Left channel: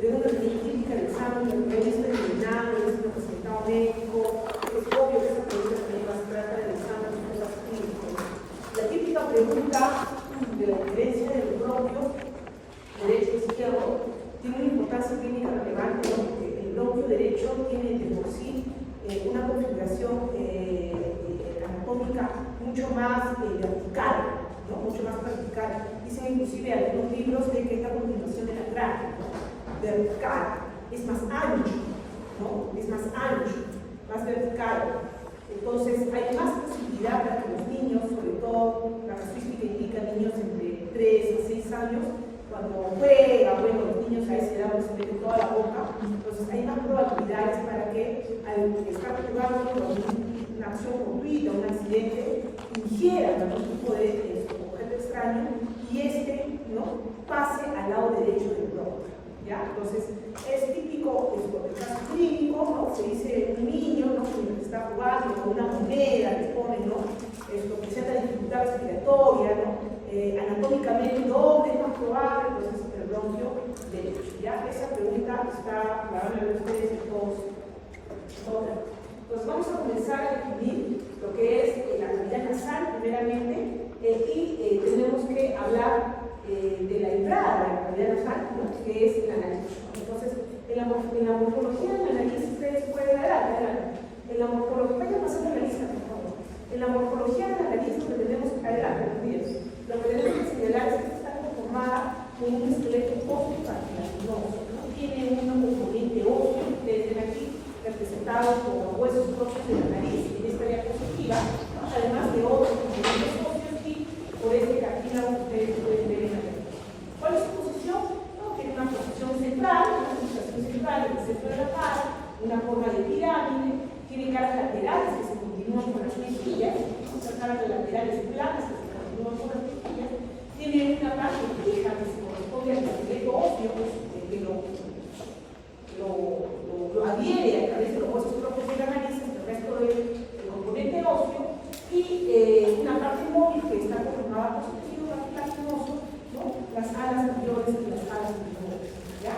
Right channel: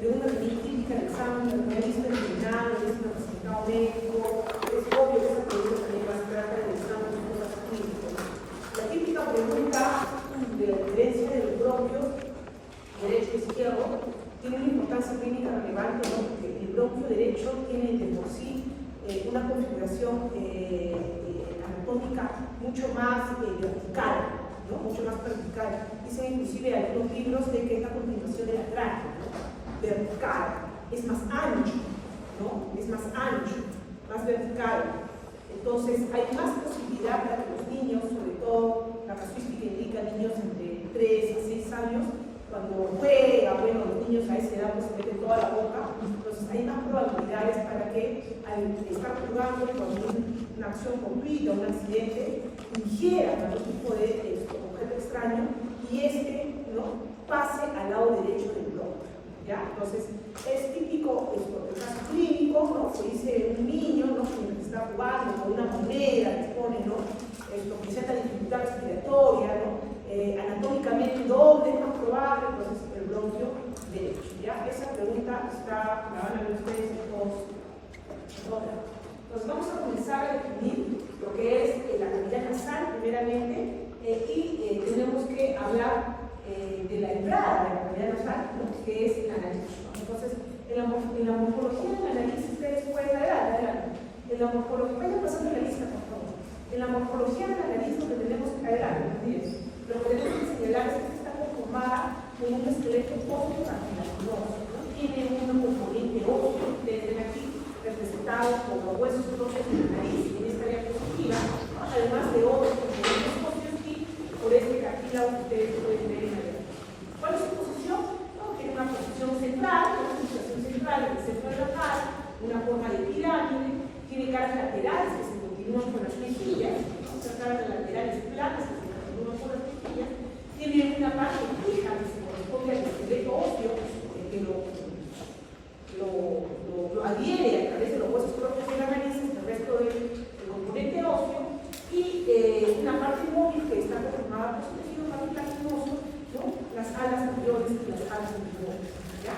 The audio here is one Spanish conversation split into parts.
pregunta típica del examen, del realismo determinado, es un representado médico, es obvio que esa pregunta también va a tratar del examen de cosas clínicas. La típica pregunta de la diferencia del bronquio derecho izquierdo tiene una importancia clínica relevante, ¿no? Porque el bronquio derecho tiene de por sí una configuración anatómica mucho más vertical, ¿no? Mucho más vertical. Dicen inclusive algunos libros de que es la continuación de la tráquea, ¿no? Vertical, es más ancho, ¿no? Es más ancho, más vertical. Entonces hay más posibilidad para que los niños, sobre todo la casuística indica niños entre 3 a 6 años, cuando juega, bueno, los niños a esa edad no se meten toda la boca, entonces hay más probabilidades para que al estar jugando con una acción fortuita, un accidente, ingieran algún tipo de objeto extraño y ¿no? pase al lado derecho del bronquio. ¿Ya? Entonces, es típico el caso clínico, ¿no? Se dice un niño, ¿no? Que está jugando con una moneda que pone, ¿no? Presenta dificultad respiratoria, ¿no? Anatómicamente, ¿dónde es más probable? Entonces, el bronquio derecho. ¿Ya? Esa pregunta la van a ver ustedes todos. Entonces, vamos a comenzar a definir lo que es la cavidad nasal, primeramente, y tenemos que hablar de la entrada de la cavidad nasal, ¿no? Que es la nariz. Entonces, en la morfología de la nariz, ustedes pueden adelante. En la morfología, vayan pasando la lista, por favor. En la morfología de la nariz, lo que tenemos que adelante, lo que tenemos que señalar es que está conformada por un esqueleto óseo-cartilaginoso, ¿no? Tiene un componente óseo, ustedes ven aquí, representado por los huesos propios de la nariz, en esta área positiva, ¿no? Además de otros componentes óseos y por este cartílago que ustedes pueden ver en la nariz. ¿Cuál es su posición? No, tiene una posición central, una posición central en el centro de la cara, una forma de pirámide, tiene caras laterales que se continúan con las mejillas, ¿no? Estas caras laterales planas que se continúan con las mejillas, tiene una parte fija que se corresponde al esqueleto óseo que lo adhiere a través de los huesos propios de la nariz, el resto del componente óseo, y una parte móvil que está conformada por su tejido cartilaginoso, ¿no? Las alas mayores y las alas menores, ¿ya?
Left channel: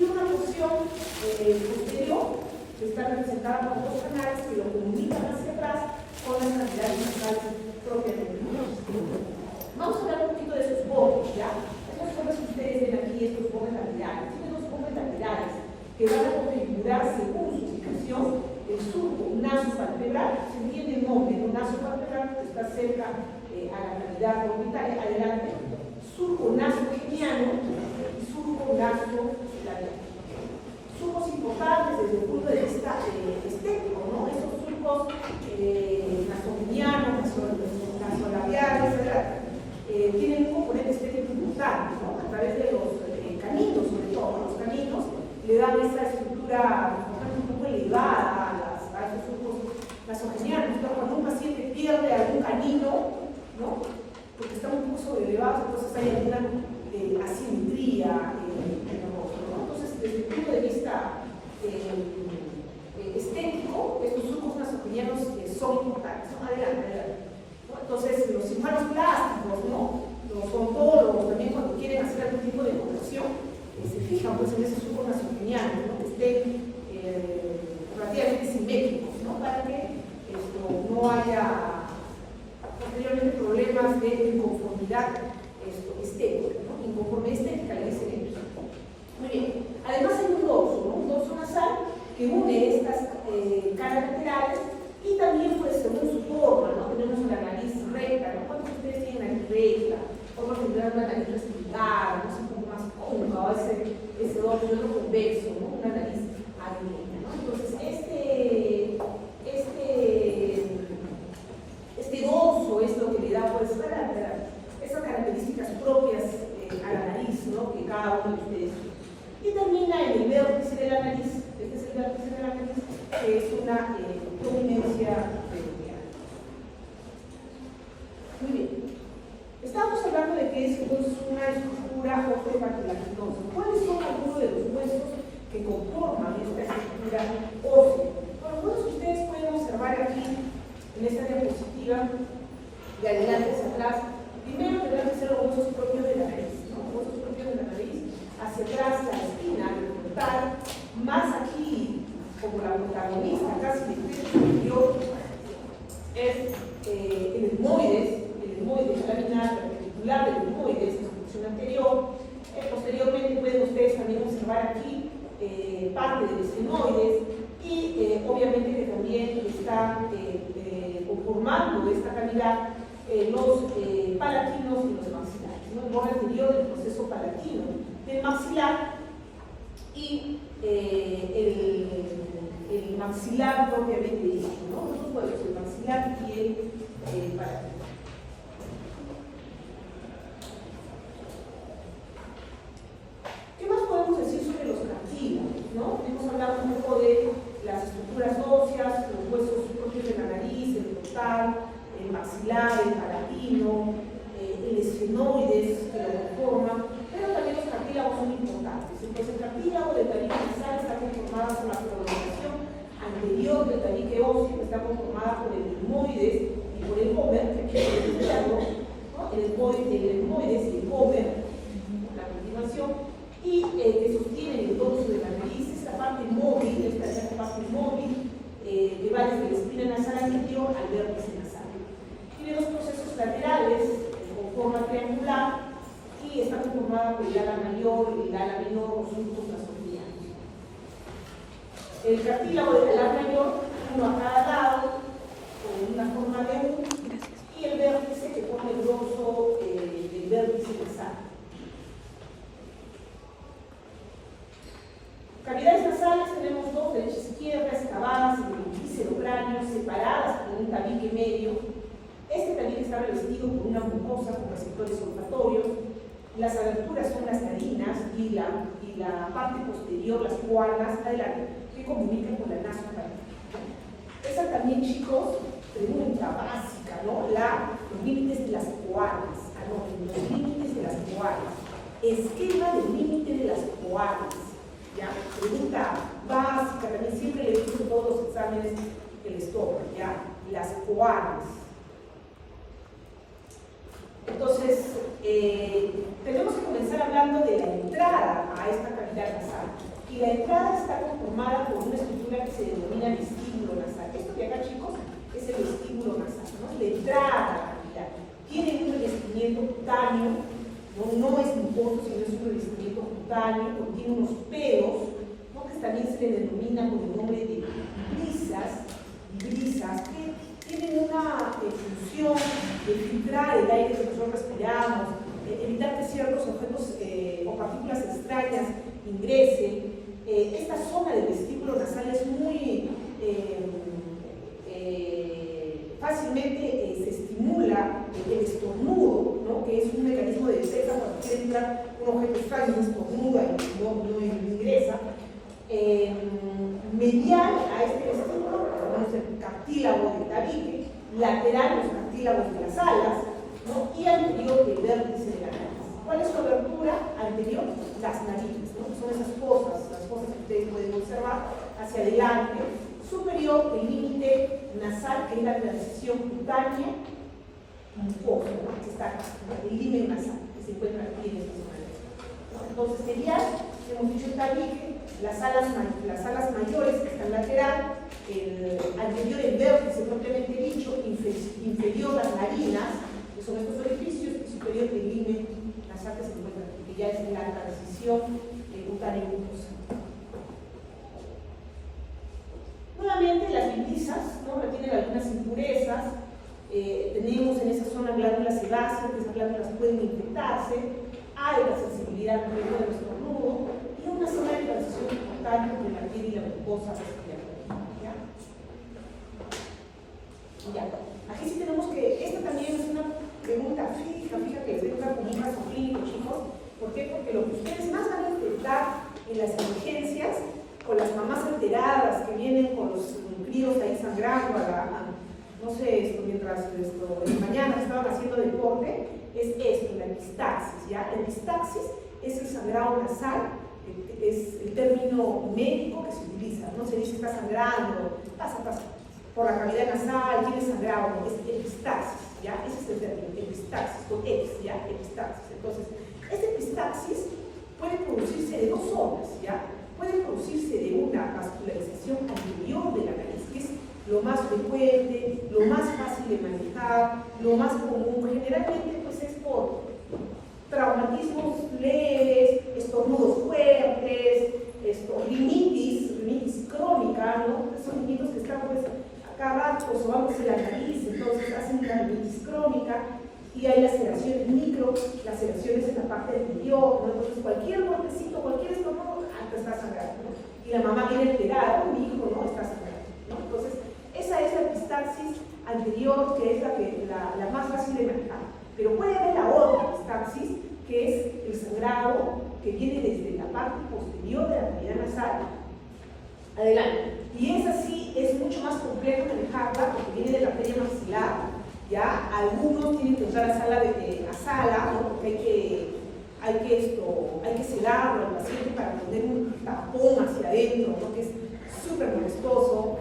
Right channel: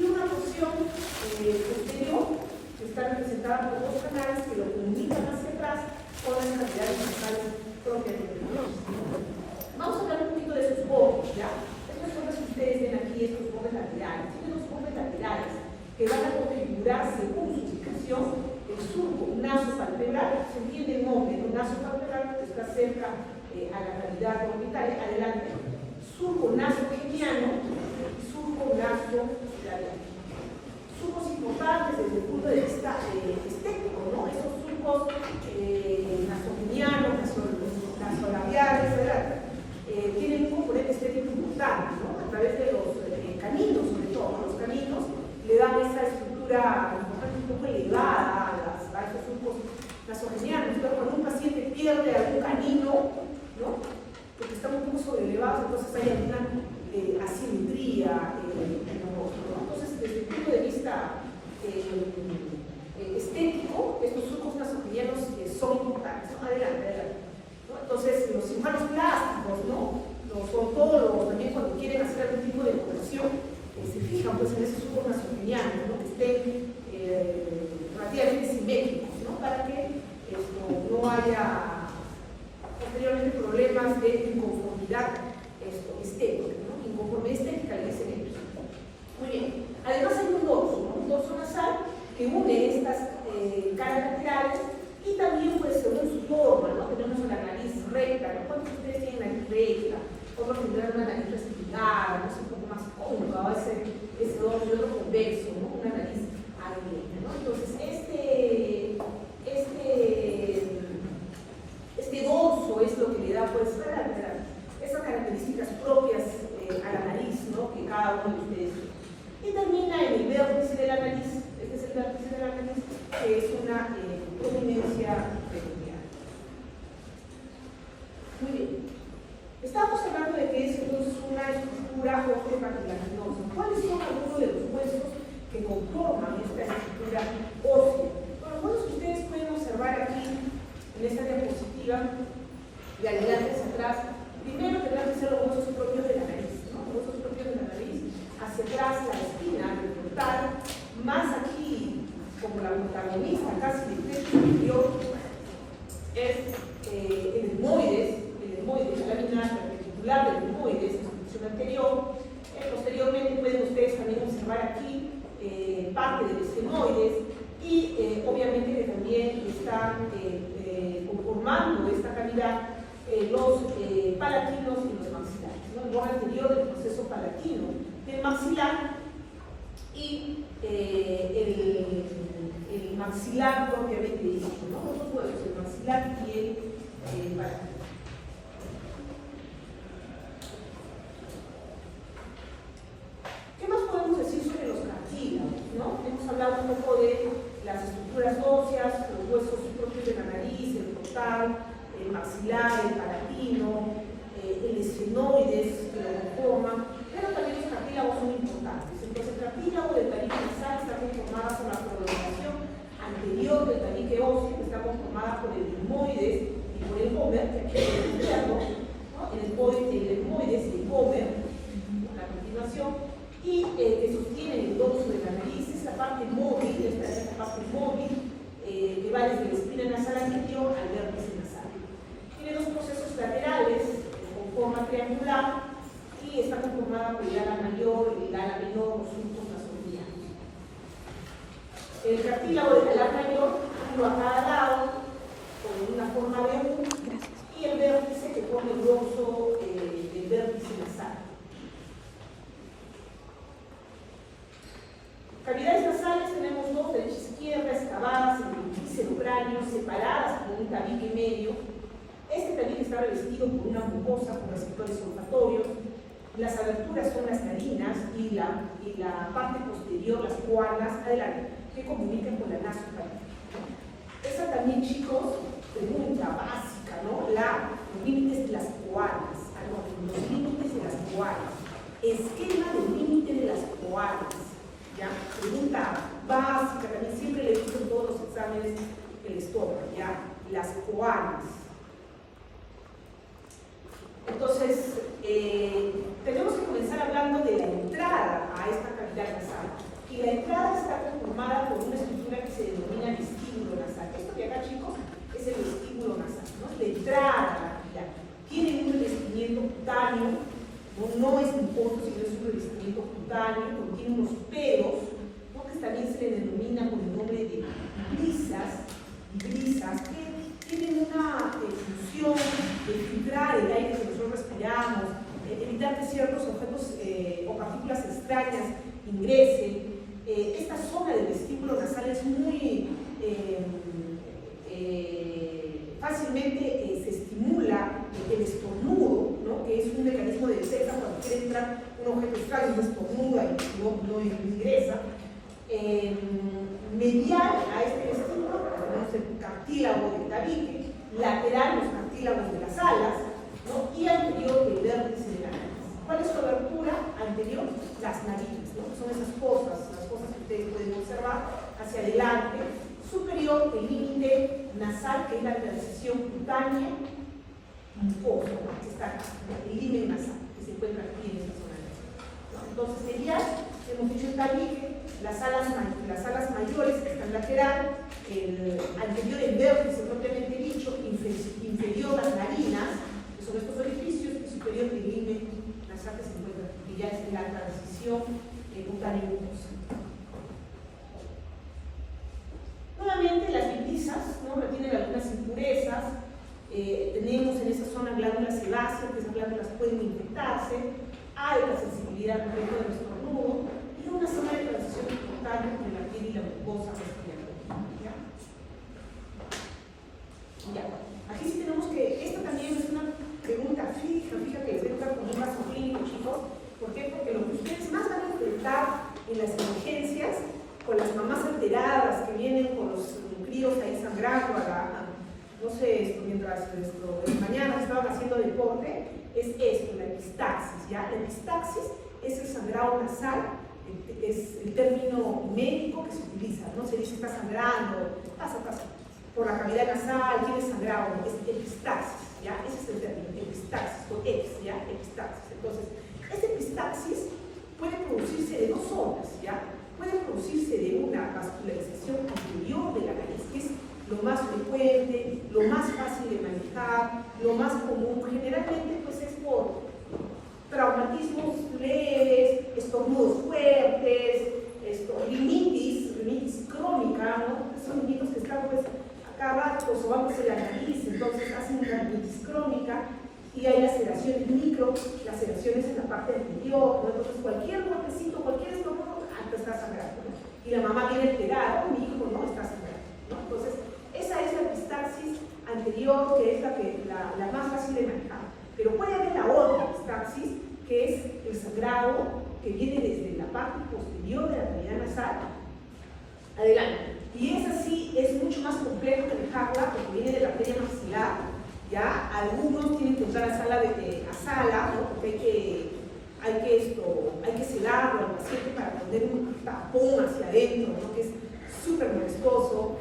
Y una porción posterior que está representada por dos canales que lo comunican hacia atrás con las cavidades nasales propias del niño. Vamos a hablar un poquito de sus bordes, ¿ya? Estas son las que ustedes ven aquí, estos bordes laterales. Tienen dos bordes laterales que van a configurar según su ubicación el surco nasopalpebral. Se entiende el nombre, el nasopalpebral que está cerca a la cavidad orbital, adelante, surco nasogeniano y surco nasolabial. Surcos importantes desde el punto de vista estético, ¿no? Esos surcos nasogenianos, nasolabiales, ¿verdad? Tienen un componente estético importante, ¿no? A través de los caninos, sobre todo, ¿no? Los caninos le dan esta estructura un poco elevada a esos surcos nasogenianos. Cuando un paciente pierde algún canino, ¿no? Porque está un poco sobreelevados, entonces hay alguna asimetría en el rostro, ¿no? Entonces, desde el punto de vista estético, estos surcos nasogenianos son adelante, ¿no? Entonces, los cirujanos plásticos, ¿no? Los odontólogos también, cuando quieren hacer algún tipo de corrección, se fijan pues, en esos surcos nasogenianos, ¿no? Que estén relativamente simétricos, ¿no? Para que no haya posteriormente problemas de inconformidad estética, ¿no? Inconformidad estética le dicen ellos. Muy bien. Además hay un dorso, ¿no? Un dorso nasal que une estas caras laterales y también, pues, según su forma, ¿no? Tenemos una nariz recta, ¿no? ¿Cuántos de ustedes tienen nariz recta? Otros tendrán una nariz respingada, no sé, un poco más cóncava, ese dorso, y otro convexo, ¿no? Una nariz abierta, ¿no? Entonces, este dorso es lo que le da, pues, esas características propias a la nariz, ¿no? Que cada uno de ustedes tiene. Y termina en el vértice de la nariz, este es el vértice de la nariz, que es una prominencia peculiar. Muy bien. Estamos hablando de que es entonces una estructura óseo-cartilaginosa. ¿Cuáles son algunos de los huesos que conforman esta estructura ósea? Bueno, los huesos que ustedes pueden observar aquí en esta diapositiva, de adelante hacia atrás, primero tendrán que ser los huesos propios de la nariz, ¿no? Los huesos propios de la nariz, hacia atrás la espina, parte de los esfenoides y obviamente que también está conformando esta cavidad los palatinos y los maxilares, ¿no? El borde anterior del proceso palatino del maxilar y el maxilar propiamente dicho, ¿no? Los dos huevos, el maxilar y el palatino. ¿Qué más podemos decir sobre los cartílagos, ¿no? Hemos hablado un poco de las estructuras óseas, los huesos propios de la nariz, el frontal, el maxilar, el palatino, el esfenoides que lo conforman, pero también los cartílagos son importantes. Entonces, el cartílago del tabique nasal está conformado por la prolongación anterior del tabique óseo, que está conformada por el etmoides y por el hómer, que aquí es el izquierdo, ¿no? El etmoides y el hómer, la continuación, y que sostienen el dorso de la nariz, es la parte móvil, esta es la parte móvil, que va desde la espina nasal anterior al vértice nasal. Tiene dos procesos laterales con forma triangular y está conformada por el ala mayor y el ala menor, los surcos nasogenianos. El cartílago del ala mayor, uno a cada lado, con una forma de U, y el vértice que pone el dorso del vértice nasal. Cavidades nasales tenemos dos, derecha e izquierda, excavadas en el epícero cráneo, separadas por un tabique medio. Este tabique está revestido por una mucosa con receptores olfatorios. Las aberturas son las narinas y la parte posterior, las guanas, adelante, que comunican con la nasofaringe, ¿no? Esa también, chicos, pregunta básica, ¿no? Los límites de las coalas. Los límites de las coalas. Esquema del límite de las coalas. ¿Ya? Pregunta básica, también siempre le digo en todos los exámenes que les tocan, ¿ya? Las coalas. Entonces, tenemos que comenzar hablando de la entrada a esta cavidad nasal. Y la entrada está conformada por una estructura que se denomina vestíbulo nasal. Esto que acá, chicos, es el vestíbulo nasal, ¿no? La entrada a la cavidad. Tiene un revestimiento cutáneo. No es un porto, sino es un revestimiento cutáneo, contiene unos pelos, ¿no? Que también se le denomina con el nombre de brisas, que tienen una función de filtrar el aire que nosotros respiramos, evitar que ciertos objetos o partículas extrañas ingresen. Esta zona del vestíbulo nasal es muy fácilmente se estimula el estornudo, ¿no? Que es un mecanismo de defensa cuando entra un objeto extraño, no estornuda y no ingresa. Medial a este estímulo tenemos el cartílago del tabique, lateral los cartílagos de las alas, ¿no? Y anterior el vértice de la nariz. ¿Cuál es su abertura anterior? Las narices, ¿no? Son esas fosas, las fosas que ustedes pueden observar hacia adelante. Superior, el límite nasal, que es la transición cutánea mucosa, ¿no? Que está acá, el límite nasal, que se encuentra aquí en esta zona. Entonces, medial, hemos dicho el tabique, las alas mayores que están lateral, el anterior, el vértice propiamente dicho, inferior las narinas, que son estos orificios, y superior el límite nasal que se encuentra aquí, que ya es la transición cutánea mucosa. Nuevamente, las brisas, ¿no? Retienen algunas impurezas. Tenemos en esa zona glándulas sebáceas, que esas glándulas pueden infectarse. Hay la sensibilidad respecto del estornudo y una zona de transición importante entre la piel y la mucosa respiratoria. ¿Ya? Aquí sí tenemos que, esta también es una pregunta fija que les entra como un caso clínico, chicos. ¿Por qué? Porque lo que ustedes más van a enfrentar en las emergencias, con las mamás alteradas que vienen con los críos ahí sangrando, no sé, mientras en la mañana estaban haciendo deporte, es esto, la epistaxis, ¿ya? La epistaxis es el sangrado nasal, es el término médico que se utiliza, ¿no? Se dice está sangrando, pasa por la cavidad nasal, tiene sangrado, es epistaxis, ¿ya? Ese es el término, epistaxis, con X, ¿ya? Epistaxis. Entonces, esta epistaxis puede producirse de dos zonas, ¿ya? Puede producirse de una vascularización anterior de la nariz, que es lo más frecuente, lo más fácil de manejar, lo más común. Generalmente pues es por traumatismos leves, estornudos fuertes, rinitis, la mamá viene alterada, mi hijo no está sangrando, ¿no? Entonces, esa es la epistaxis anterior, que es la más fácil de manejar. Pero puede haber la otra epistaxis, que es el sangrado que viene desde la parte posterior de la cavidad nasal adelante. Y esa sí es mucho más complejo manejarla porque viene de la arteria maxilar. ¿Ya? Algunos tienen que usar a sala, ¿no? Porque hay que sedarlo al paciente para poner un tapón hacia adentro, ¿no? Que es súper molestoso.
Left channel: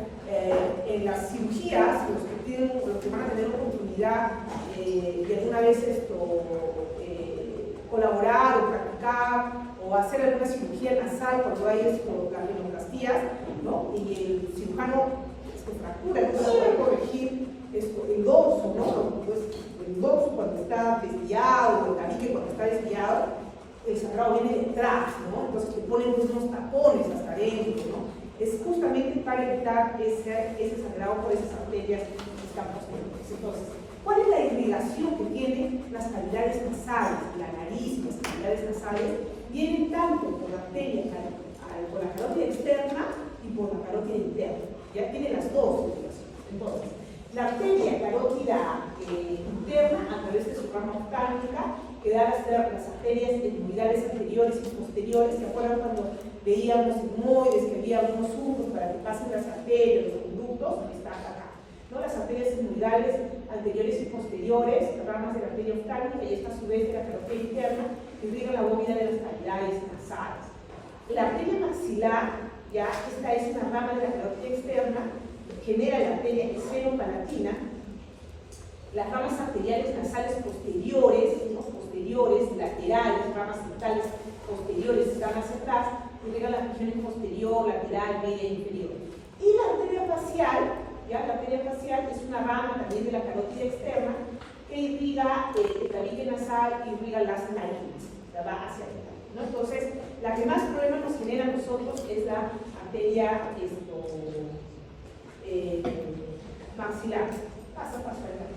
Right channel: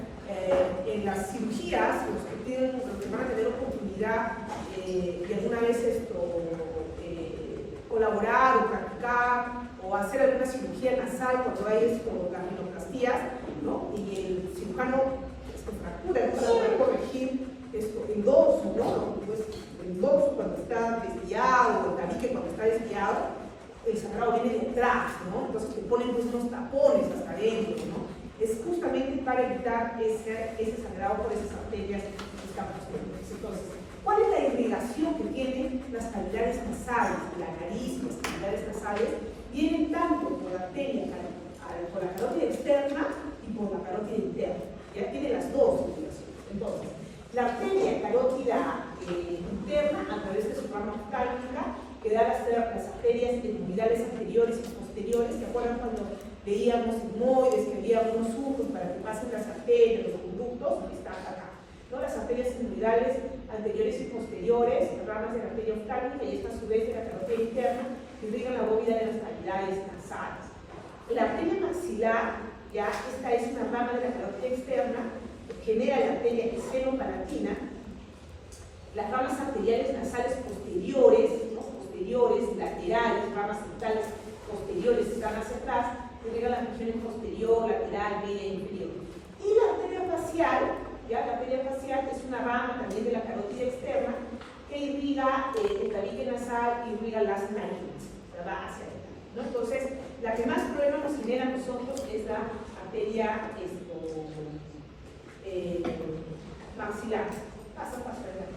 En las cirugías, los que van a tener oportunidad de alguna vez colaborar o practicar o hacer alguna cirugía nasal cuando hay las rinoplastías, ¿no? Y el cirujano fractura, para poder corregir el dorso, ¿no? Pues el dorso cuando está desviado, el tabique cuando está desviado, el sangrado viene detrás, ¿no? Entonces te ponen pues unos tapones hasta adentro, ¿no? Es justamente para evitar ese sangrado por esas arterias posteriores. Entonces, ¿cuál es la irrigación que tienen las cavidades nasales? La nariz, las cavidades nasales, vienen tanto por la arteria, por la carótida externa y por la carótida interna. Ya tiene las dos irrigaciones. Entonces, la arteria carótida interna, a través de su rama oftálmica, que da las arterias endurales anteriores y posteriores. ¿Se acuerdan cuando veíamos sigmoides, que había unos surcos para que pasen las arterias, los conductos? Están acá, ¿no? Las arterias endurales anteriores y posteriores, ramas de la arteria oftálmica, y esta a su vez de la carótida interna, que irrigan la bóveda de las cavidades nasales. La arteria maxilar, ya, esta es una rama de la carótida externa, genera la arteria seno-palatina. Las ramas arteriales nasales posteriores, ¿no? Laterales, ramas septales posteriores están hacia atrás, irrigan las regiones posterior, lateral, media e inferior. Y la arteria facial, ¿ya? La arteria facial es una rama también de la carótida externa que irriga el tabique nasal y irriga las narinas, la va hacia adelante, ¿no? Entonces, la que más problemas nos genera a nosotros es la arteria maxilar. Pasa adelante.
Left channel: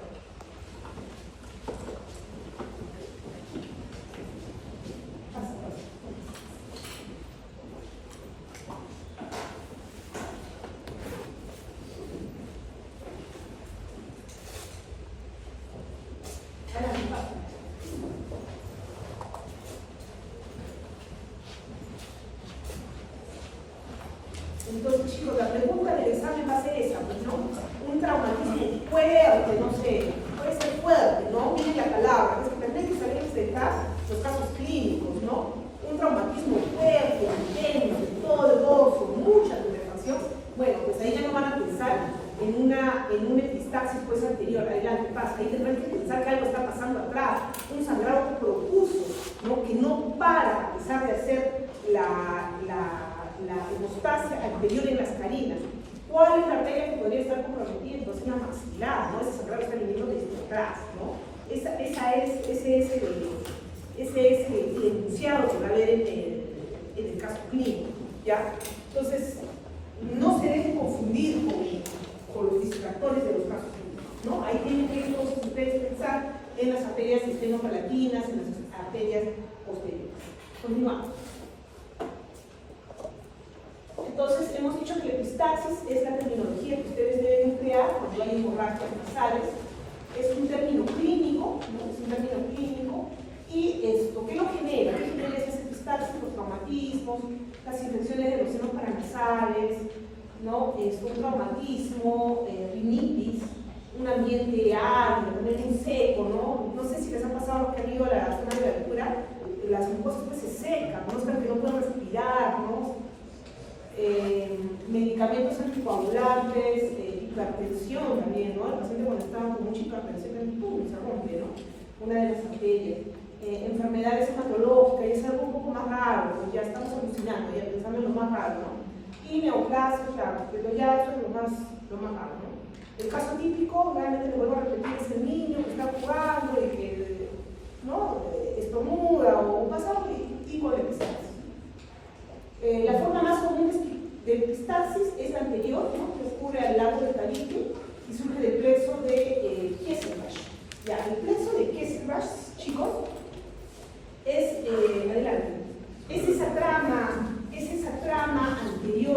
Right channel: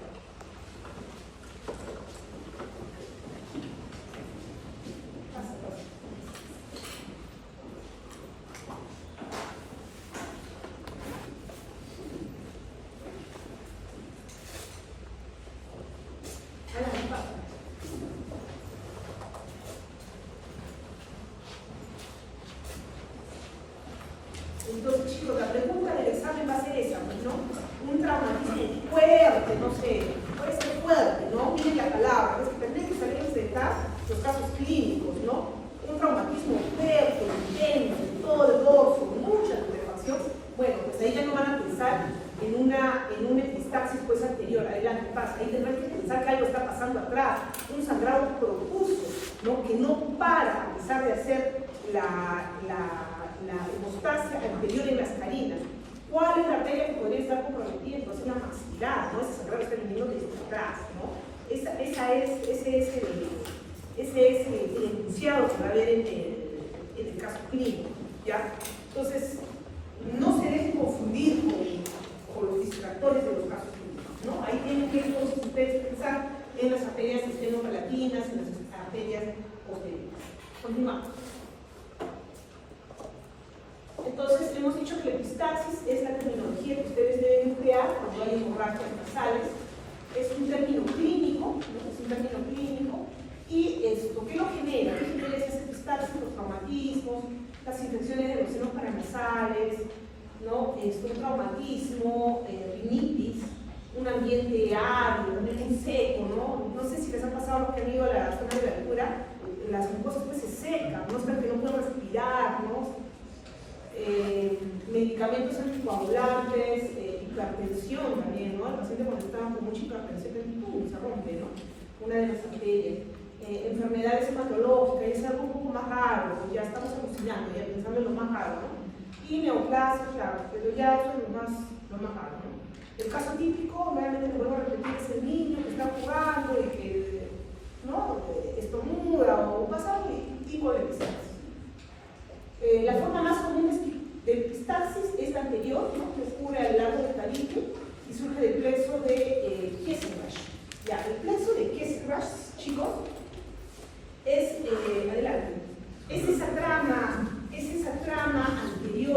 Entonces, chicos, la pregunta del examen va a ser esa, ¿no? Un traumatismo fuerte, no sé, puede ser fuerte, ¿no? Miren la palabra, es que tendréis que salir de acá los casos clínicos, ¿no? Un traumatismo fuerte, intenso, de todo el dorso, mucha tumefación. Bueno, pues ahí ya no van a pensar en una epistaxis pues anterior, adelante, pasa, ahí tendrán que pensar que algo está pasando atrás, un sangrado profuso, ¿no? Que no para a pesar de hacer la hemostasia anterior en las carinas. ¿Cuál es la arteria que podría estar comprometida? Entonces la maxilar, ¿no? Ese sangrado está viniendo desde atrás, ¿no? Ese es el enunciado que va a haber en el caso clínico, ¿ya? Entonces, no se deben confundir con los distractores de los casos clínicos, ¿no? Ahí tienen que entonces ustedes pensar en las arterias seno-palatinas, en las arterias posteriores. Continuamos. Entonces, hemos dicho que la epistaxis es la terminología que ustedes deben emplear cuando hay hemorragias nasales. Es un término clínico, ¿no? Es un término clínico. ¿Y esto qué lo genera? ¿Qué genera esas epistaxis? Los traumatismos, las infecciones de los senos paranasales, ¿no? Un traumatismo, rinitis, un ambiente árido, también muy seco, ¿no? No sé si les ha pasado los que han ido a la zona de la altura, las mucosas pues se secan, ¿no? Es que no pueden respirar, ¿no? Medicamentos anticoagulantes, hipertensión también, ¿no? El paciente cuando está con mucha hipertensión, ¡pum!, se rompe, ¿no? Una de las arterias. Enfermedades hematológicas, es algo un poco más raro, pues ya estamos alucinando, ya pensando en lo más raro, ¿no? Y neoplasia, claro, pero ya eso es lo más raro, ¿no? El caso típico, realmente le vuelvo a repetir, es el niño que está jugando y que, ¿no? Estornuda o pasa un tipo de epistaxis. La forma más común de epistaxis es la anterior, ¿no? Que ocurre al largo del tabique y surge del plexo de Kesselrash. Ya, el plexo de Kesselrash, chicos, es, adelante, es esa trama anterior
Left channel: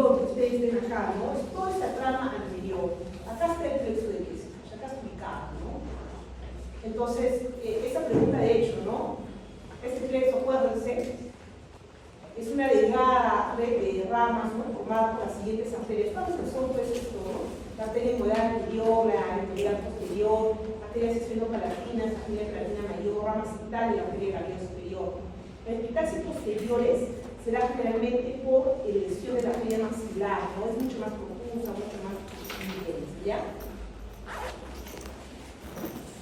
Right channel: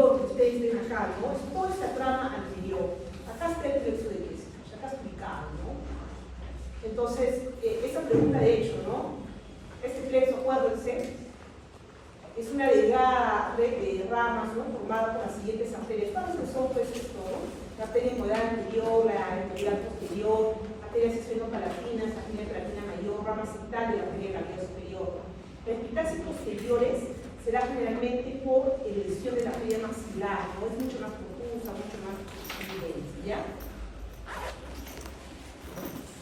red de ramas, ¿no? Formada por las siguientes arterias. Todas que son, pues, esto, ¿no? La arteria inguinal anterior, la inguinal posterior, arterias esfenopalatinas, arteria palatina mayor, rama septal de la arteria labial superior. Las epitaxis posteriores se da generalmente por lesión de la arteria maxilar, ¿no? Es mucho más confusa, mucho más intensa, ¿ya?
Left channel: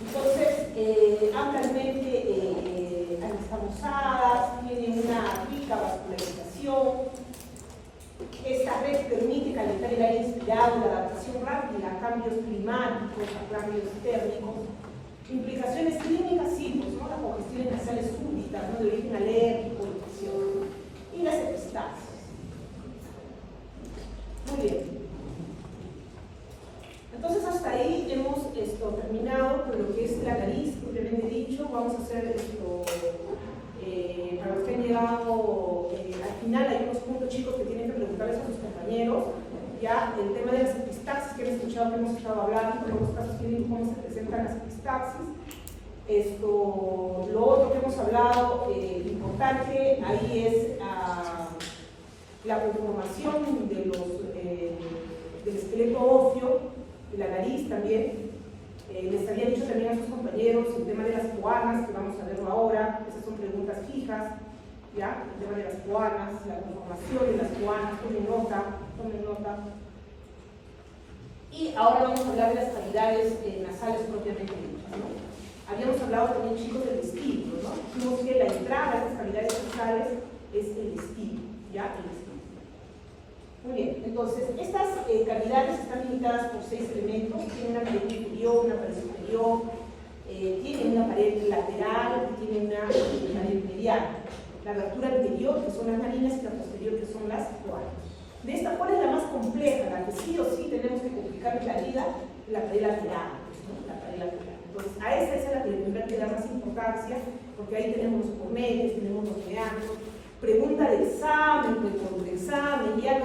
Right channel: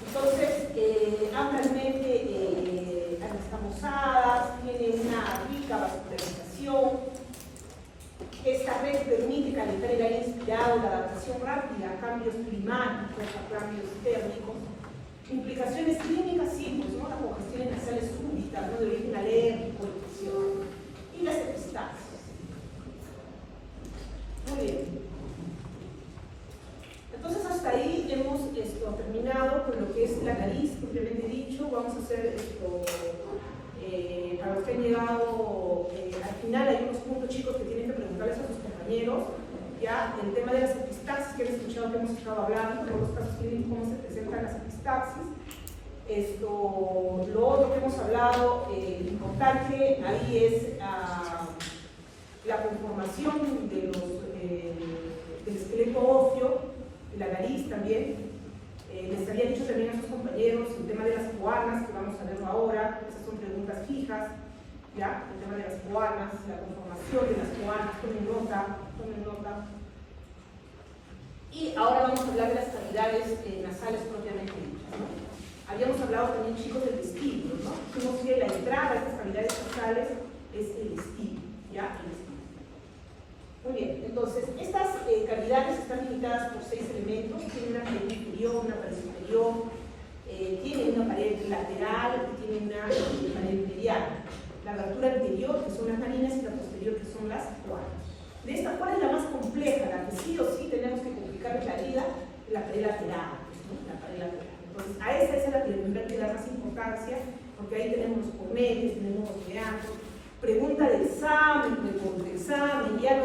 Entonces, ampliamente anastomosadas, tiene una rica vascularización. Esta red permite calentar el aire inspirado, la adaptación rápida a cambios climáticos, a cambios térmicos. Implicaciones clínicas simples, ¿no? Las congestiones nasales súbitas, ¿no? De origen alérgico, infeccioso. Y las epistaxis. Muy bien. Entonces hasta ahí hemos terminado con lo que es la nariz, propiamente dicho. Vamos a hacer esto, para los que han llegado al final, hay unos puntos chicos que tienen que preguntarles a sus compañeros. Ya el tema de las epistaxis, que han escuchado que hemos estado hablando, en los casos clínicos, cómo se presentan las epistaxis. Lo otro que hemos hablado, importante, ahí es la conformación de del esqueleto óseo, de la nariz también. Les había dicho también a sus compañeros el tema de las coanas, que vamos a verlo ahora. Esas son preguntas fijas, ¿ya? El tema de las coanas, la conformación de las coanas, tomen nota. Y ahora vamos a hablar de las cavidades nasales propiamente dichas, ¿no? Habíamos hablado también, chicos, del vestíbulo, ¿no? Dijimos que la entrada a estas cavidades nasales es el vestíbulo, ¿ya? El vestíbulo. Muy bien, entonces, estas cavidades están limitadas por 6 elementos. Tienen una pared inferior, una pared superior, tienen una pared lateral y tienen una pared mediana. La abertura anterior, que son las narinas, y la posterior, que son las coanas. De esta, ¿cuál es la más compleja? La que sí o sí tenemos que complicar la vida, la pared lateral, ¿no? La pared lateral. Entonces, a esta es la que le tendrá que dar más importancia, porque ahí tenemos los cornetes, tenemos los meandros. Pregunta de examen, de contraexamen, ya,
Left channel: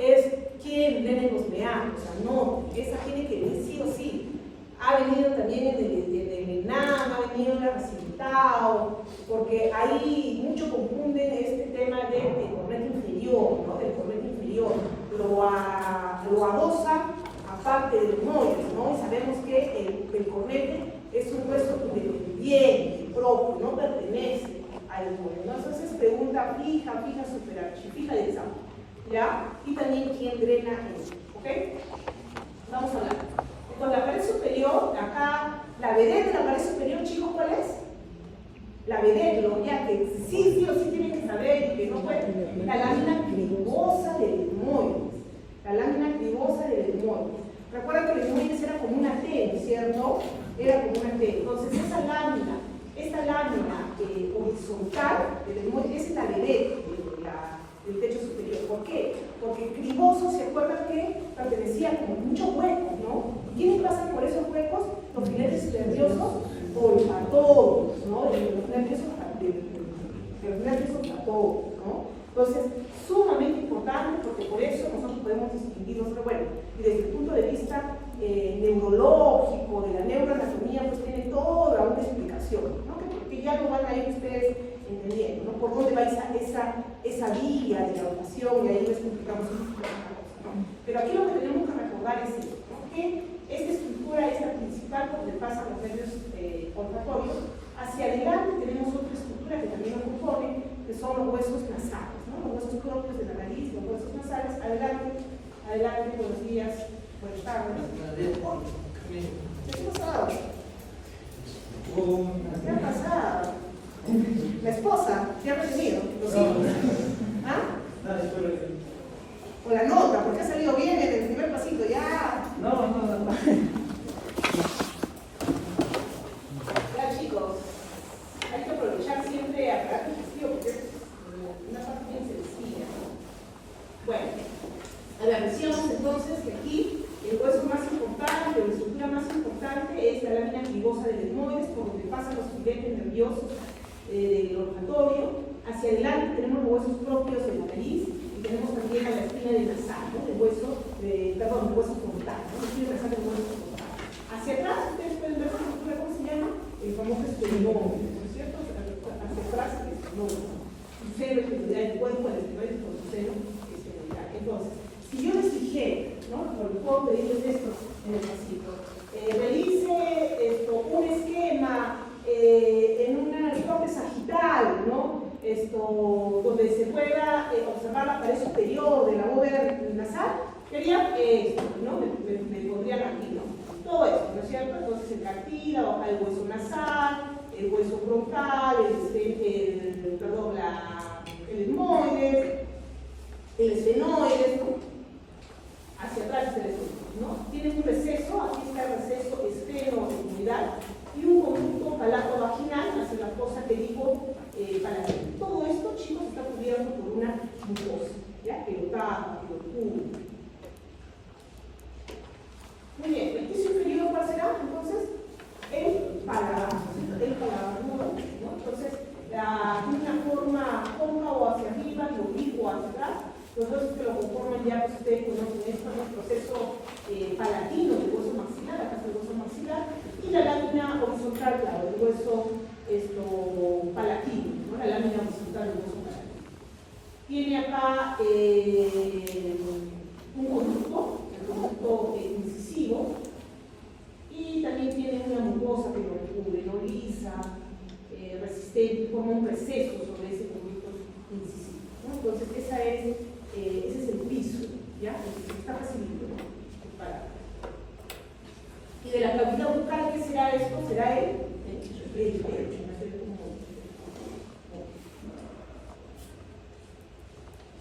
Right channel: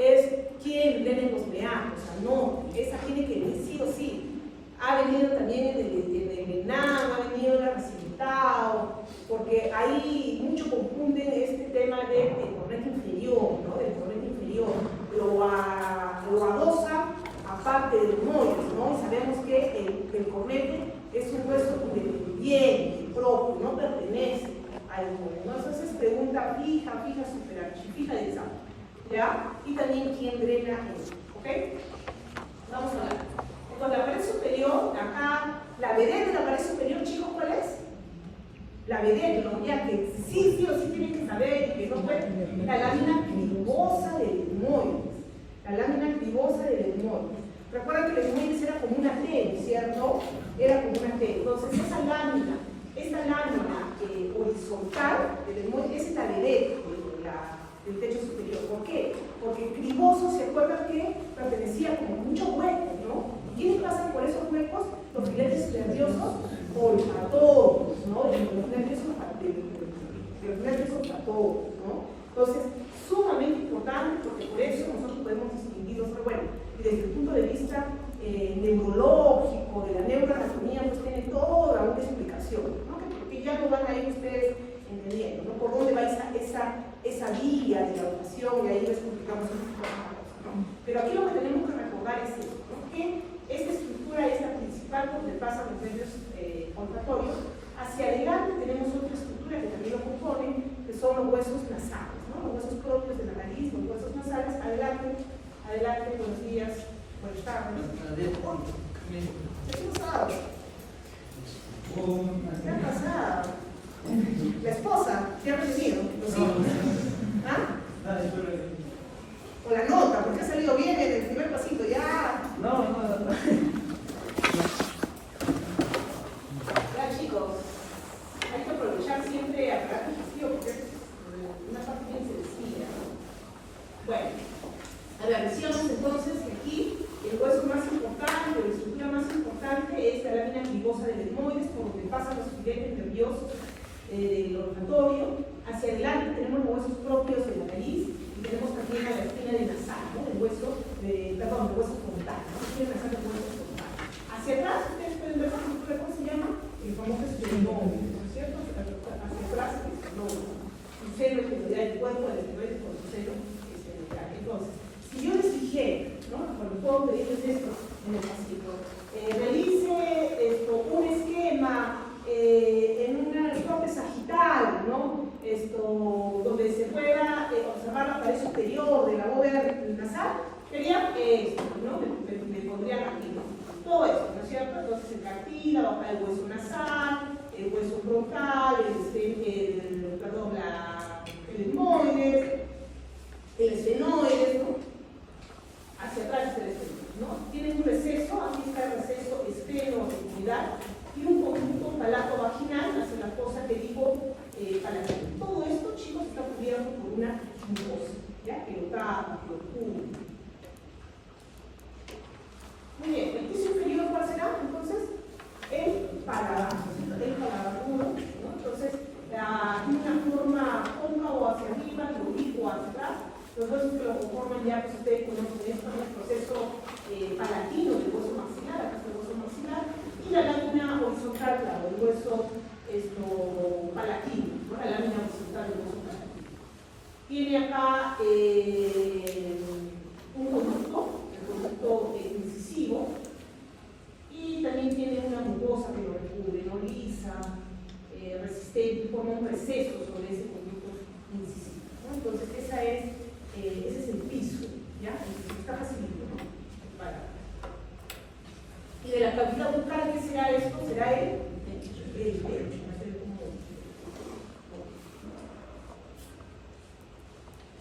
es quién viene en los meandros. O sea, no, esa tiene que venir sí o sí. Ha venido también en el ENAM, ha venido en la Recintao, porque ahí mucho confunden este tema del cornete inferior, ¿no? Del cornete inferior. Lo adosan aparte del molde, ¿no? Y sabemos que el cornete es un hueso independiente, propio, no pertenece al molde, ¿no? Entonces pregunta fija, fija de examen, ¿ya? Y también quién drena eso, ¿ok? Vamos a hablar. Con la pared superior, acá, la vedette de la pared superior, chicos, ¿cuál es? La vedette, ya que sí o sí tienen que saber, que no fue la lámina cribosa del etmoides. La lámina cribosa del etmoides. Recuerden que el etmoides era como una T, ¿no es cierto? Era como una T. Entonces, esta lámina horizontal del etmoides es la vedette del techo superior. ¿Por qué? Porque el criboso, ¿se acuerdan que pertenecía como muchos huecos, ¿no? ¿Quiénes pasan por esos huecos? Los filetes nerviosos olfatorios, ¿no? Los nervios olfatorios, ¿no? Entonces, sumamente importante, porque por eso nosotros podemos distinguirlos. Bueno, y desde el punto de vista neurológico, de la neuroanatomía, pues tiene toda una explicación, ¿no? Que ya lo van a ir ustedes entendiendo, ¿no? Por dónde va esa vía de la rotación, y ahí les complicamos un poquito más la cosa, ¿no? Pero aquí lo que tenemos que recordar es esto, ¿no? Que esta estructura es la principal donde pasan los nervios olfatorios. Hacia adelante tenemos otra estructura que también lo compone, que son los huesos nasales, ¿no? Los huesos propios de la nariz, los huesos nasales. Adelante, buenos días, buenas tardes. ¿Qué ha pasado? ¿Qué ha pasado? La esposa, ¿qué ha venido? ¿Los hijos? ¿Ah? O la nota, porque ha salido bien en el primer pasito, ya. No. Ya, chicos, hay que aprovechar siempre el aparato digestivo, porque es una parte bien sencilla. Bueno, a ver, decíamos entonces que aquí el hueso más importante, o la estructura más importante, es la lámina cribosa del etmoides, por donde pasan los filetes nerviosos del olfatorio. Hacia adelante tenemos los huesos propios de la nariz, y tenemos también la espina del nasal, ¿no? Del hueso frontal, ¿no? Del hueso frontal. Hacia atrás, ustedes pueden ver la estructura, ¿cómo se llama? El famoso esternón, ¿no es cierto? Hacia atrás, el esternón. Su seno exterior del cuerpo, el esternón con su seno Bober nasal, quería esto, ¿no? Me pondrían aquí, ¿no? Todo esto, ¿no es cierto? Entonces el cartílago, el hueso nasal, el hueso broncal, el etmoides, el esfenoides, ¿no? Hacia atrás, ¿no? Tiene un receso, aquí está el receso esfenoidal, y un conducto palato-vaginal, hacia la fosa que digo, para todo esto, chicos, está cubierto por una mucosa, ¿ya? Que lo tapa, que lo cubre. Muy bien, el piso inferior, ¿cuál será? Entonces, el paladar puro, ¿no? Entonces, una forma cóncavo hacia arriba, el oblicuo hacia atrás, los huesos que lo conforman ya, pues ustedes conocen esto, el proceso palatino del hueso maxilar, acá está el hueso maxilar, y la lámina horizontal, claro, el hueso palatino, ¿no? La lámina horizontal del hueso palatino. Tiene acá un conducto incisivo, y también tiene una mucosa que lo recubre, no lisa, resistente, forma un receso sobre ese conducto incisivo, ¿no? Entonces, ese es el piso, ¿ya? Está facilito, ¿no? Y de la cavidad bucal, ¿qué será esto? Será el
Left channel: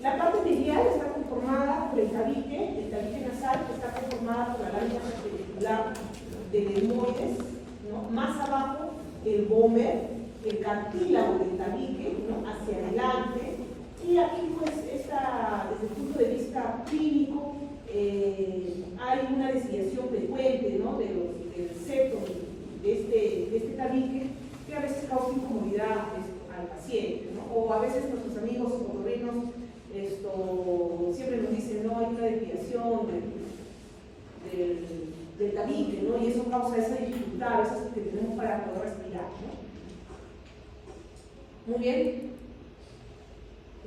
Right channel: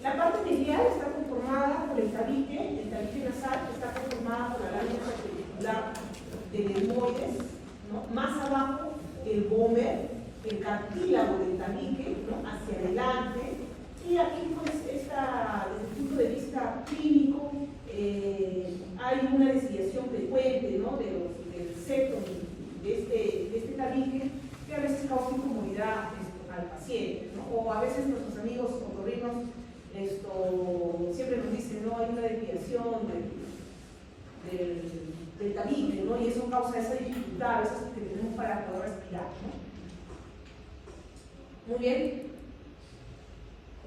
la parte biliar está conformada por el tabique nasal, que está conformada por la lámina perpendicular del etmoides, ¿no? Más abajo el vómer, el cartílago del tabique, ¿no? Hacia adelante, y aquí pues desde el punto de vista clínico hay una desviación frecuente, ¿no? del septo de este tabique, que a veces causa incomodidad al paciente, ¿no? O a veces nuestros amigos otorrinos siempre nos dicen, no, hay una desviación del tabique, ¿no? Y eso causa esa dificultad, esas que tenemos para poder respirar, ¿no? Muy bien.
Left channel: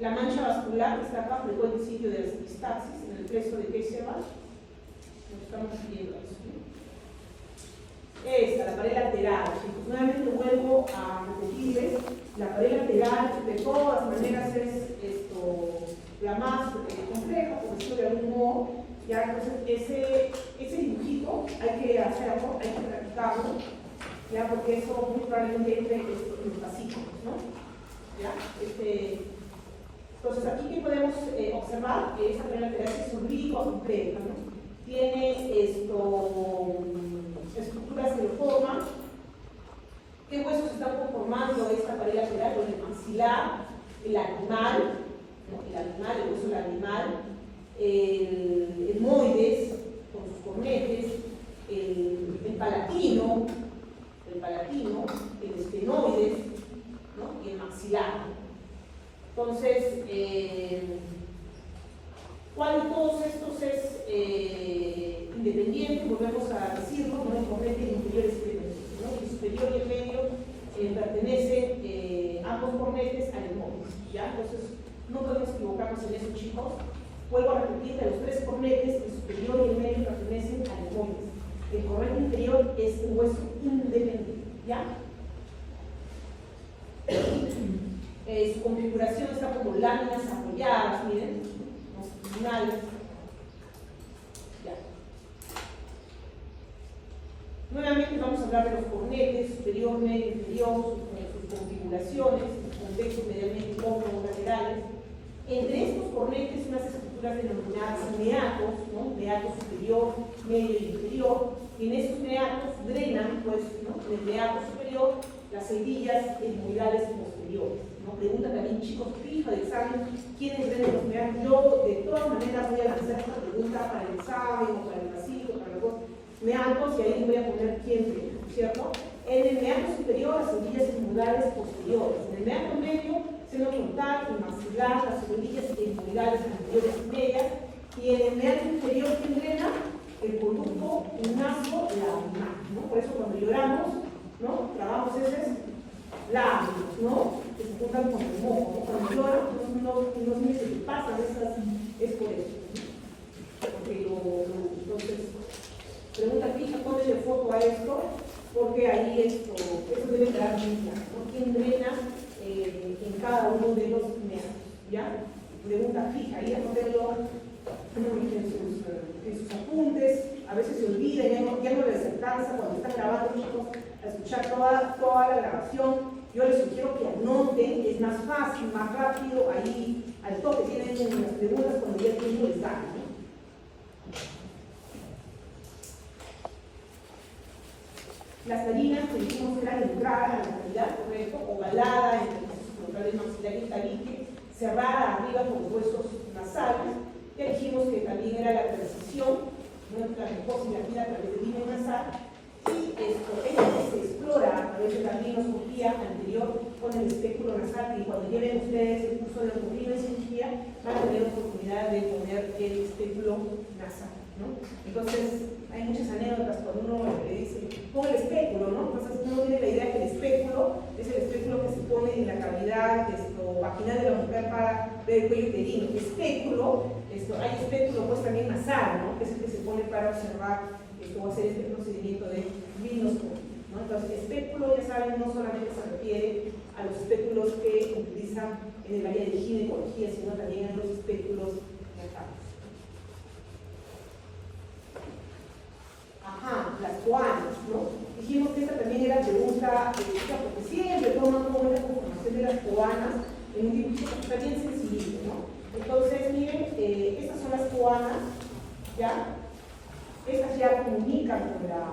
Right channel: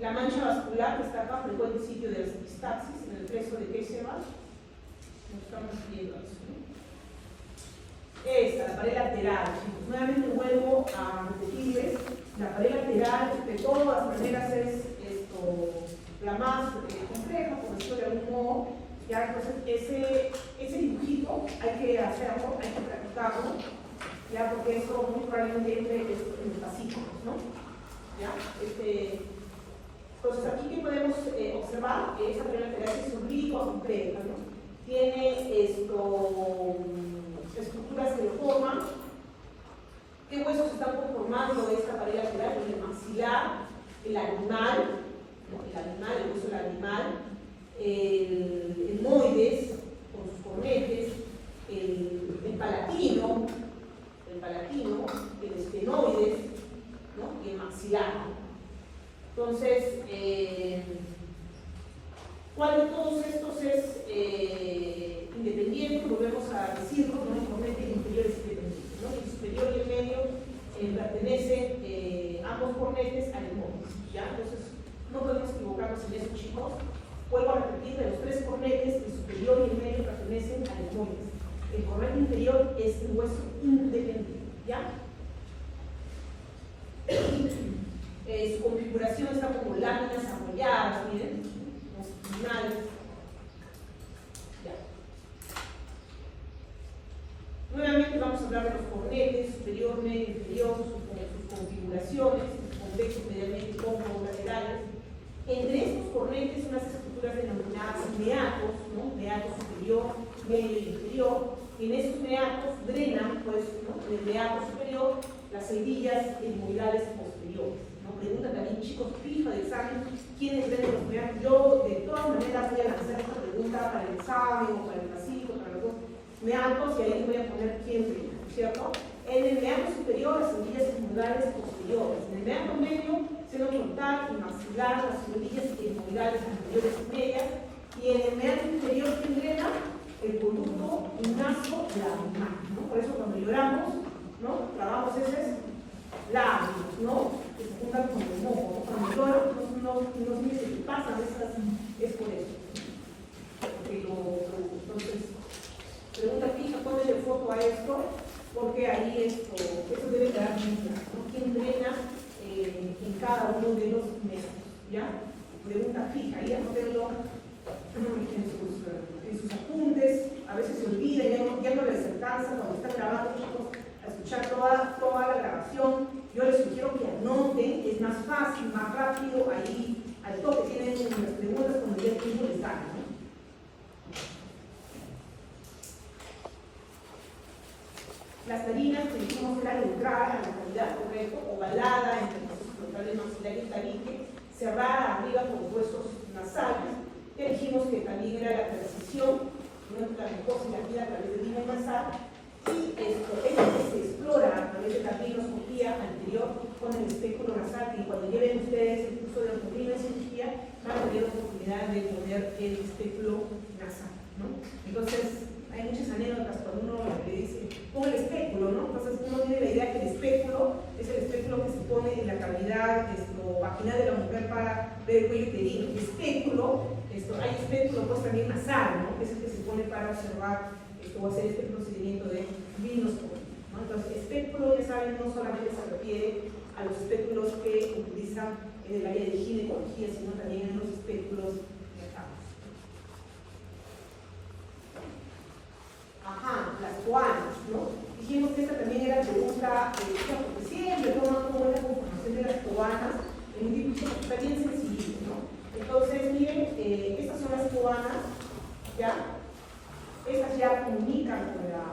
La mancha vascular que está acá, frecuente sitio de las epistaxis, en el preso de Keshevash. Nos estamos viendo eso, ¿no? Esta, la pared lateral, chicos. Nuevamente vuelvo a repetirles, la pared lateral de todas maneras es la más compleja, por decirlo de algún modo. Ya, entonces ese dibujito hay que hacerlo, hay que practicarlo, ya, porque eso muy probablemente entre en el pasillo, ¿no? ¿Ya? Entonces aquí que podemos observar que esa pared lateral es oblicuo completa, ¿no? Tiene estructuras que lo forman. ¿Qué huesos están conformando esta pared lateral? Pues el maxilar, el lagrimal, ¿no? El hueso lagrimal, el etmoides con sus cornetes, el palatino, el esfenoides, ¿no? Y el maxilar, ¿no? Entonces, ¿cuál de todos estos es independiente? Volvemos a decirlo, ¿no? El cornete inferior es independiente, ¿no? El superior y el medio pertenecen ambos cornetes al etmoides, ¿ya? Entonces, no podemos equivocarnos en eso, chicos. Vuelvo a repetir que los tres cornetes, el superior y el medio, pertenecen al etmoides. El cornete inferior es un hueso independiente, ¿ya? Su configuración está como láminas apoyadas, miren, longitudinales. Ya. Nuevamente vamos a hablar de los cornetes, superior, medio, inferior, sus configuraciones, sus contextos medialmente cóncavos, laterales. Entre estos cornetes, unas estructuras denominadas meatos, ¿no? Meato superior, medio y inferior. En esos meatos drenan, pues, ¿no? En el meato superior, las celdillas etmoidales posteriores. Pregunta también, chicos, fija de examen, ¿quiénes drenan los meatos? Yo, de todas maneras, voy a hacer esta pregunta para el examen o para el pasillo, para los dos meatos, y ahí les voy a poner quién drena, ¿cierto? En el meato superior, las celdillas etmoidales posteriores. En el meato medio, seno frontal, el maxilar, las celdillas etmoidales anteriores y medias. Y en el meato inferior, ¿quién drena? El conducto naso-labial, ¿no? Por eso cuando lloramos, ¿no? Trabajamos esos labios, ¿no? Que se juntan con el moco, ¿no? Cuando lloran, no sé si pasan estas, es por eso, ¿no? Entonces, pregunta fija, ponle foto a esto, porque ahí eso debe quedar bien claro, ¿no? ¿Quién drena en cada uno de los meatos? ¿Ya? Pregunta fija, ahí anótenlo dijimos que era neutral a la cavidad, correcto, ovalada entre el proceso frontal maxilar y tabique, cerrada arriba con los huesos nasales. Ya dijimos que también era la transición, ¿no?, entre la mucosa y la piel a través del límite nasal. Y esto es lo que se explora a través de la rhinoscopía anterior con el espéculo nasal, y cuando lleven ustedes el curso de ortopedía en cirugía van a tener oportunidad de poner el espéculo nasal, ¿no? Entonces hay muchas anécdotas cuando uno le dice pon el espéculo, ¿no? Entonces uno tiene la idea que el espéculo es el espéculo que se pone en la cavidad vaginal de la mujer para ver el cuello uterino. El espéculo, hay espéculo pues también nasal, ¿no?, que es el que se pone para observar o hacer este procedimiento de rhinoscopia, ¿no? Entonces, espéculo, ya saben, no solamente se refiere a los espéculos que utilizan en el área de ginecología, sino también a los espéculos nasales. Ajá, las coanas, ¿no? Dijimos que esta también era pregunta, porque siempre toman como la conformación de las coanas en un dibujo que está bien sencillo, ¿no? Entonces, miren, estas son las coanas, ¿ya? Estas ya comunican con la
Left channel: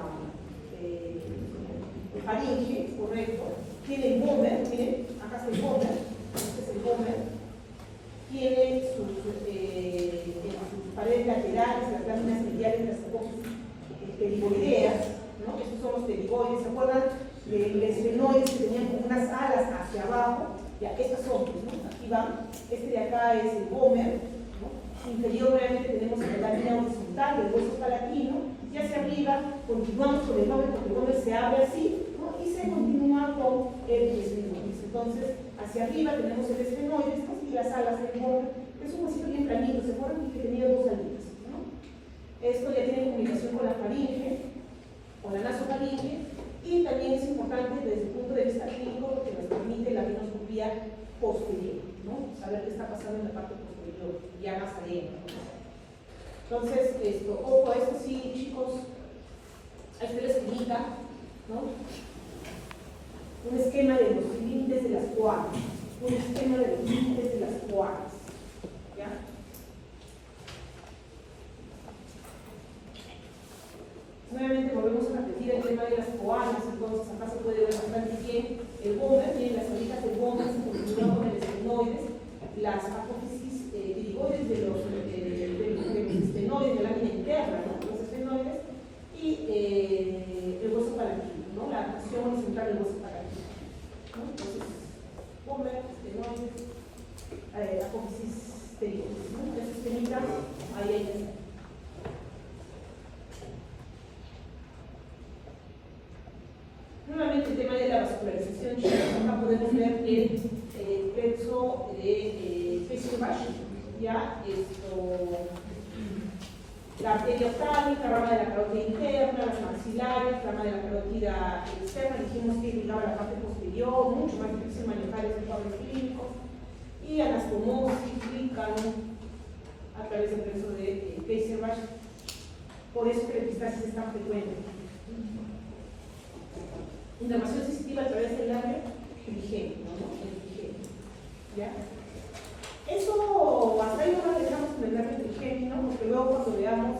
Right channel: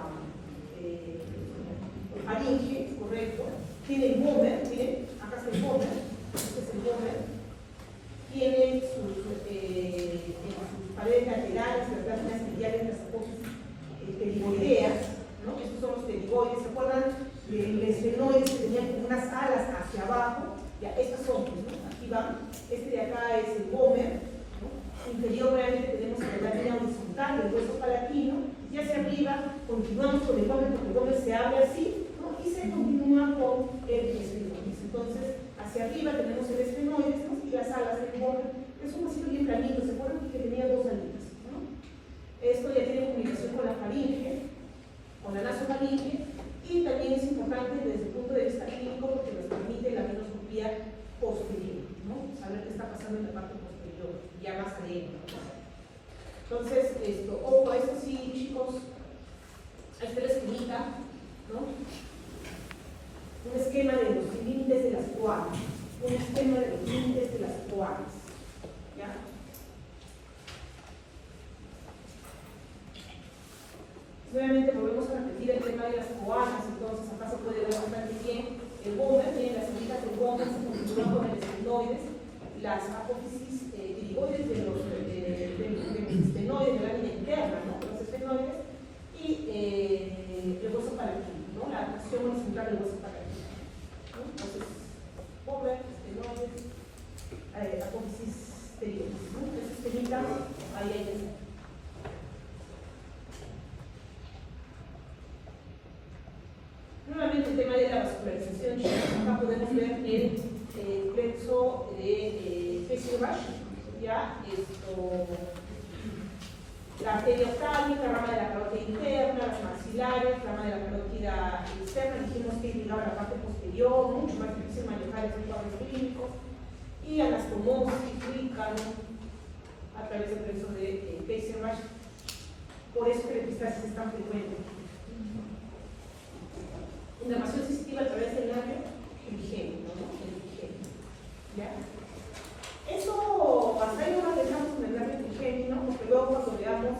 faringe, correcto. Tiene el gómer, miren, acá está el gómer, este es el gómer. Tiene sus paredes laterales, las láminas mediales, las apófisis pterigoideas, ¿no? Estos son los pterigoides, ¿se acuerdan de los esfenoides que tenían como unas alas hacia abajo? Ya, estas son, pues, ¿no? Aquí van, este de acá es el gómer, ¿no? Inferior realmente tenemos la lámina horizontal del hueso palatino, y hacia arriba continuamos con el gómer, porque el gómer se abre así, ¿no?, y se continúa con el esfenoides. Entonces, hacia arriba tenemos el esfenoides, ¿no?, y las alas del gómer. Es un vasito bien planito, ¿se acuerdan que tenía dos alitas, ¿no? Esto ya tiene comunicación con la faringe, con la nasofaringe, y también es importante desde el punto de vista clínico porque nos permite la rhinoscopía posterior, ¿no?, saber qué está pasando en la parte posterior, ya más adentro, ¿no? Entonces, ojo, esto sí, chicos, a este les explica, ¿no?, un esquema de los límites de las coanas, un esquema de los límites de las coanas, ¿ya? Nuevamente volvemos a repetir el tema de las coanas. Entonces acá se puede ver bastante bien el gómer, miren las alitas del gómer se continúan con el esfenoides, las apófisis pterigoides de los esfenoides de la lámina interna, ¿no?, los esfenoides, y el hueso palatino, ¿no?, la acción horizontal del hueso palatino, ¿no? Entonces, gómer, esfenoides, apófisis pterigoides, ¿no? Entonces, temita, ahí hay que hacer. Nuevamente el tema de la vascularización, chicos. Acá podemos ver el verso de Fessenbach, ya, la arteria octavis, la rama de la carótida interna, las maxilares, la rama de la carótida externa, dijimos que llegaba a la parte posterior, mucho más difícil manejar esos cuadros clínicos, y anastomosis, fluícano, a través del verso de Fessenbach. Por eso que la epistasis es tan frecuente. Inflamación sensitiva a través del labio trigémino, ¿no? El trigémino, ¿ya? Eso, hasta ahí no nos dejamos con el labio trigémino, porque luego cuando veamos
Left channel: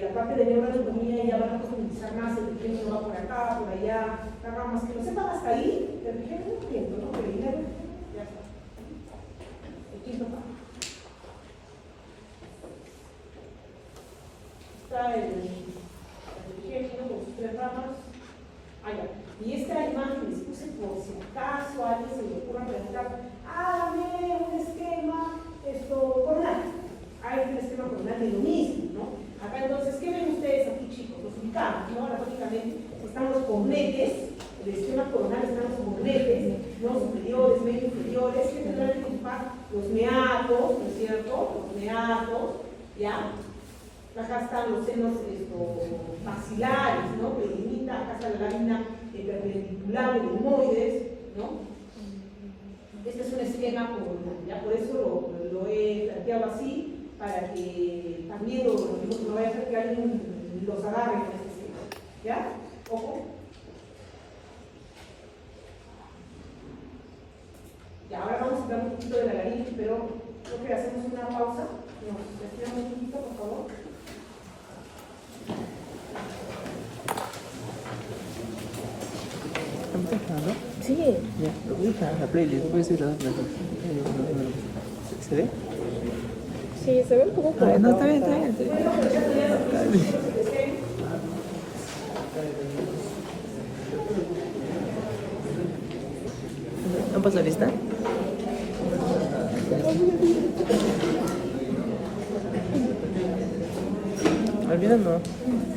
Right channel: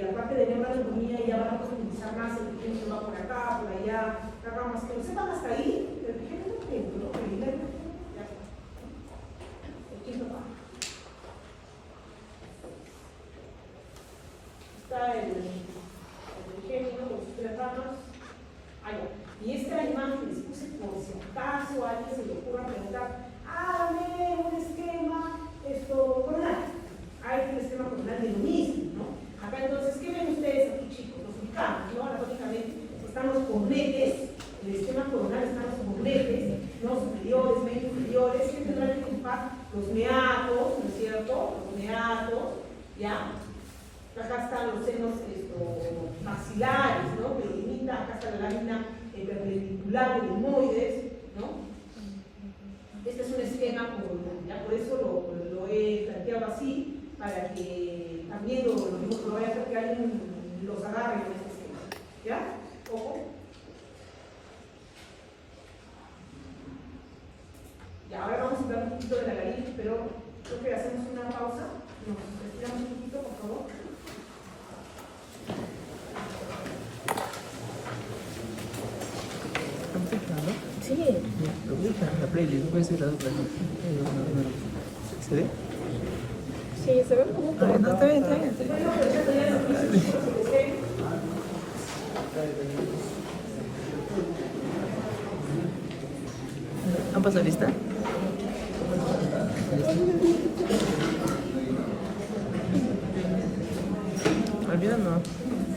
la parte de neuroanatomía ya van a profundizar más, el trigémino va por acá, por allá, ramas que no sepan hasta ahí, el trigémino es quinto, ¿no? El labio trigémino, ya está. El quinto paso. Está el trigémino con sus tres ramas. Allá. Y esta imagen les puse por si acaso a alguien se le ocurra preguntar, hágame un esquema coronal. Hay un esquema coronal de lo mismo, ¿no? Acá entonces, ¿qué ven ustedes aquí, chicos? Los ubicamos, ¿no? Anatómicamente están los cornetes, el esquema coronal están los cornetes, ¿no? Superiores, medio inferiores, que tendrán que ocupar los meatos, ¿no es cierto? Los meatos, ¿ya? Acá están los senos maxilares, ¿no?, que delimitan, acá está la lámina perpendicular de limoides, ¿no? Este es un esquema coronal, ¿ya? Por eso lo he planteado así, para que también no vaya a ser que alguien los agarre con este esquema, ¿ya? Ojo. Ya, ahora vamos a hablar un poquito de la laringe, pero creo que hacemos una pausa. Nos estiramos un poquito, por favor. Ya, lo voy a dejar en la playlist, voy a decir las otras. ¿Se ve? Sí, se ve como... Ah, no, está bien, está bien. Está bien. Dale. ¿No pasó lista? Al final no.